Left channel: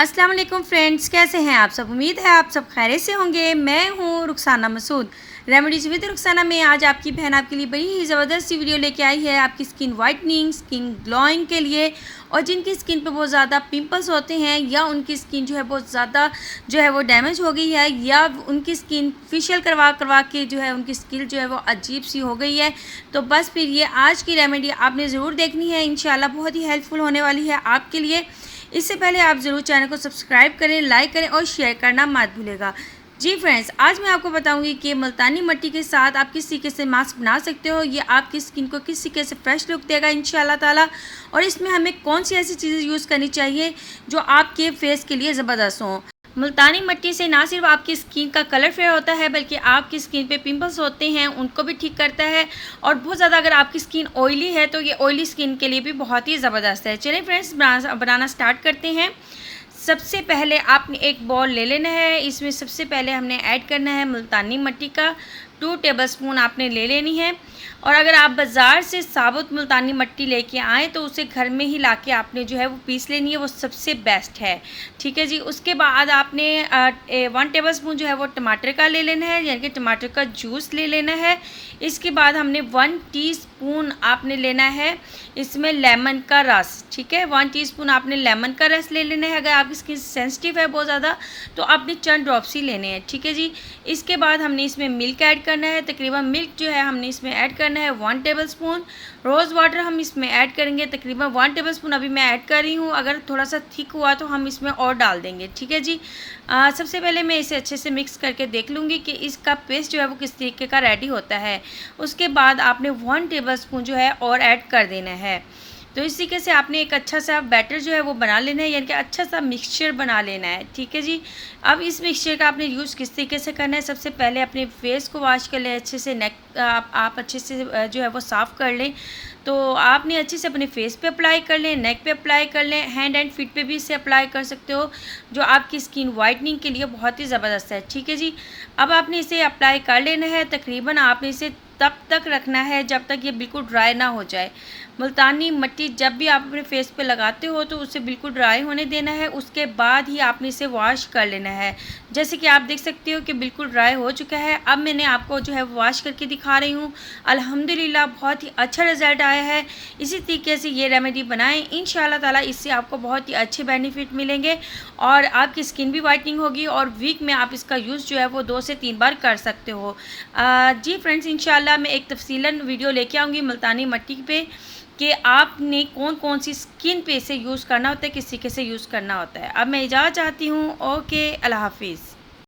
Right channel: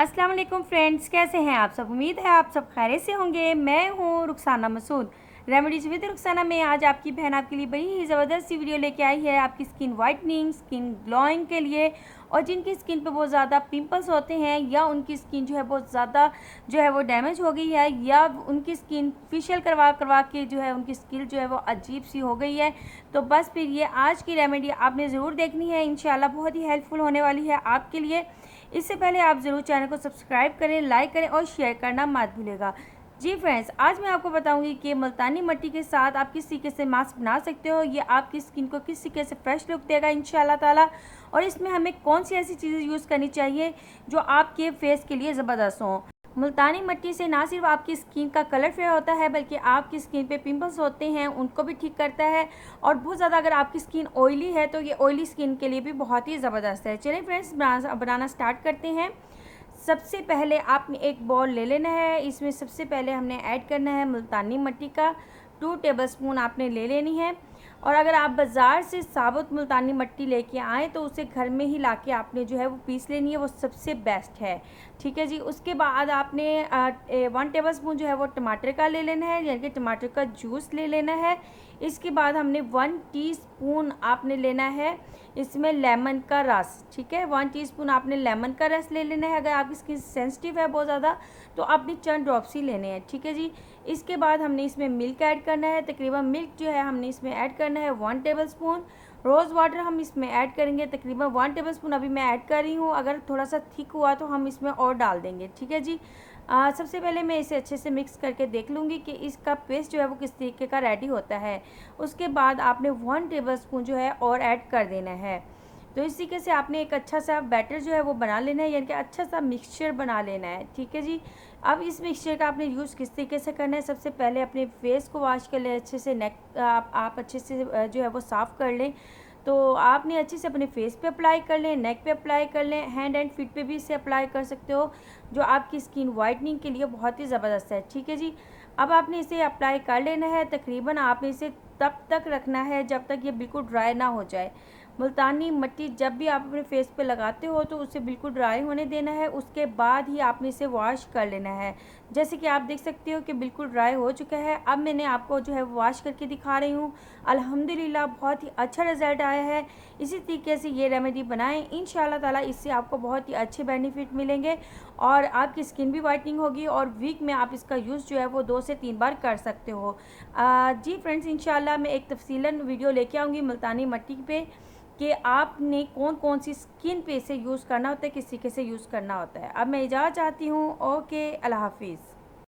अस्सलाम वालेकुम फ्रेंड्स, कैसे हैं आप सब। उम्मीद है आप सब खैरियत से होंगे। मैं हूं रुखसाना मसूद। रेमेडीज़ विद रुखसाना में आज आपकी बहन आपके लिए बड़ी ही ज़बरदस्त सी वीडियो लेके आई है आपकी स्किन वाइटनिंग, स्किन ग्लोइंग के लिए। और जिनकी स्किन पे बहुत ज़्यादा पिंपल्स होते हैं या उनकी स्किन जो है बहुत ज़्यादा जो है वो डैमेज हो गई है या उनकी स्किन फेशियल करवा करवा के जो है उनकी स्किन जो है वो अजीब सी हो गई है, तो बस फिर ये आज की रेमेडी आपने ज़रूर देखनी है। इंशाल्लाह बहुत ही हेल्पफुल होने वाली है आपके लिए। इससे पहले आप ज़रूर चैनल को सब्सक्राइब करें, लाइक करें और शेयर करना मत भूलिएगा। जी फ्रेंड्स, आज मैं आपको बताऊंगी कि मुल्तानी मिट्टी के साथ आप किस तरीके से मास्क बना सकते हो। ये आपकी स्किन को किस तरीके से फ्रेश लुक देगा इंशाल्लाह ताला। और इसमें हमें कौन सी ऐसी चीज़ें यूज़ करनी चाहिए जो आपके फेस के लिए ज़बरदस्त हों। मुल्तानी मिट्टी से ना सिर्फ आपकी स्किन का कलर फेयर होता है बल्कि आपकी स्किन पे पिंपल्स होते हैं उनको भी ठीक करता है। और बहुत ज़्यादा अगर आपकी स्किन ऑयली है तो ये ऑयली स्किन के लिए भी बहुत ही ज़बरदस्त है। चलिए फ्रेंड्स, बनाना स्टार्ट करते हैं। सबसे पहले आपने एक बॉल ले लेना है। इसमें सबसे पहले हमने ऐड करना है मुल्तानी मिट्टी का 2 टेबलस्पून आपने ले लेनी है। और अगर आप बाज़ार से साबुत मुल्तानी मिट्टी लेके आएँ तो उसे घर में ही लाके आपने जो है वो पीस लेनी है, वो सबसे बेस्ट है। ठीक है जी। उसके बाद आपने 1 टेबलस्पून जो है वो टमाटर का ले लेना है, यानी कि टमाटर का जूस ले लेना है। इसके बाद हमने 1 टीस्पून आपने लेना है इसमें लेमन का रस। ठीक है, 1 टीस्पून आपने लेमन का रस ले लेना है। अगर आपकी स्किन सेंसिटिव है बहुत ज़्यादा तो आपने चंद ड्रॉप्स ही लेने हैं। ठीक है जी। इसके बाद हमने इसमें मिल्क ऐड करना है। तकरीबन मिल्क जो है हमने इसमें ऐड करना है 1 टेबलस्पून। रोज़ वाटर हम इसमें ऐड करेंगे तकरीबन 1 टेबलस्पून अभी मैं ऐड कर रही हूँ। अगर थोड़ा सा थिक हुआ तो हम इसमें और डाल देंगे। ठीक है जी। सबसे पहले मैं इसे अच्छे से मिक्स करके देख लूँगी कि इसका पेस्ट जो है वो किस तरीके का रेडी होता है। उसके बाद आपने 1 टेबलस्पून जो है और ऐड कर देना है। तो इस तरीके से आपने एक अच्छा सा बैटर जो है वो बना लेना है, यानी कि अच्छा सा मिक्सचर बना लेना है। ठीक है जी। अब इस मिक्सचर का आपने यूज़ किस तरीके से करना है, सबसे पहले अपने फेस को वॉश कर लें अच्छे से। नेक आप अच्छे से जो है वो साफ़ कर लें। तो आपने अच्छे से अपने फेस पे अप्लाई कर लें, नेक पे अप्लाई कर लें, हैंड एंड फीट पे भी इसे अप्लाई कर सकते हो, जो आपकी स्किन वाइटनिंग के लिए बहुत ही ज़बरदस्त है। ठीक है जी। अब आपने इसे अप्लाई कर लेना है। तकरीबन आपने इसे तब तक रखना है जब तक ये बिल्कुल ड्राई ना हो जाए। मुल्तानी मिट्टी जब भी आप अपने फेस पे लगाते हो तो उसे बिल्कुल ड्राई होने देना है। उसके बाद ही आपने इसे वॉश कर लेना है। जैसे कि आप देख सकते हो कि बिल्कुल ड्राई हो चुका है। अब मैंने आपको जो है वॉश करके दिखा रही हूँ। अल्हम्दुलिल्लाह बहुत ही अच्छा रिज़ल्ट आया है। इसी तरीके से ये रेमेडी बनाएं, इंशाल्लाह ताला इससे आपको बहुत ही अच्छे बेनिफिट मिलेंगे और आपकी स्किन भी वाइटनिंग होगी। और वीक में आप इसका यूज़ जो है वो 2 से 3 बार कर सकते हो। जी फ्रेंड्स, इंशाल्लाह मैं एक तफसीलन वीडियो लेके आऊँगी मुल्तानी मिट्टी पे कि आपने कौन कौन सी स्किन पे इसे यूज़ करना होता है, किस तरीके से यूज़ करना होता है। अब मैं इजाज़त चाहती हूँ। ओके, अल्लाह हाफिज़।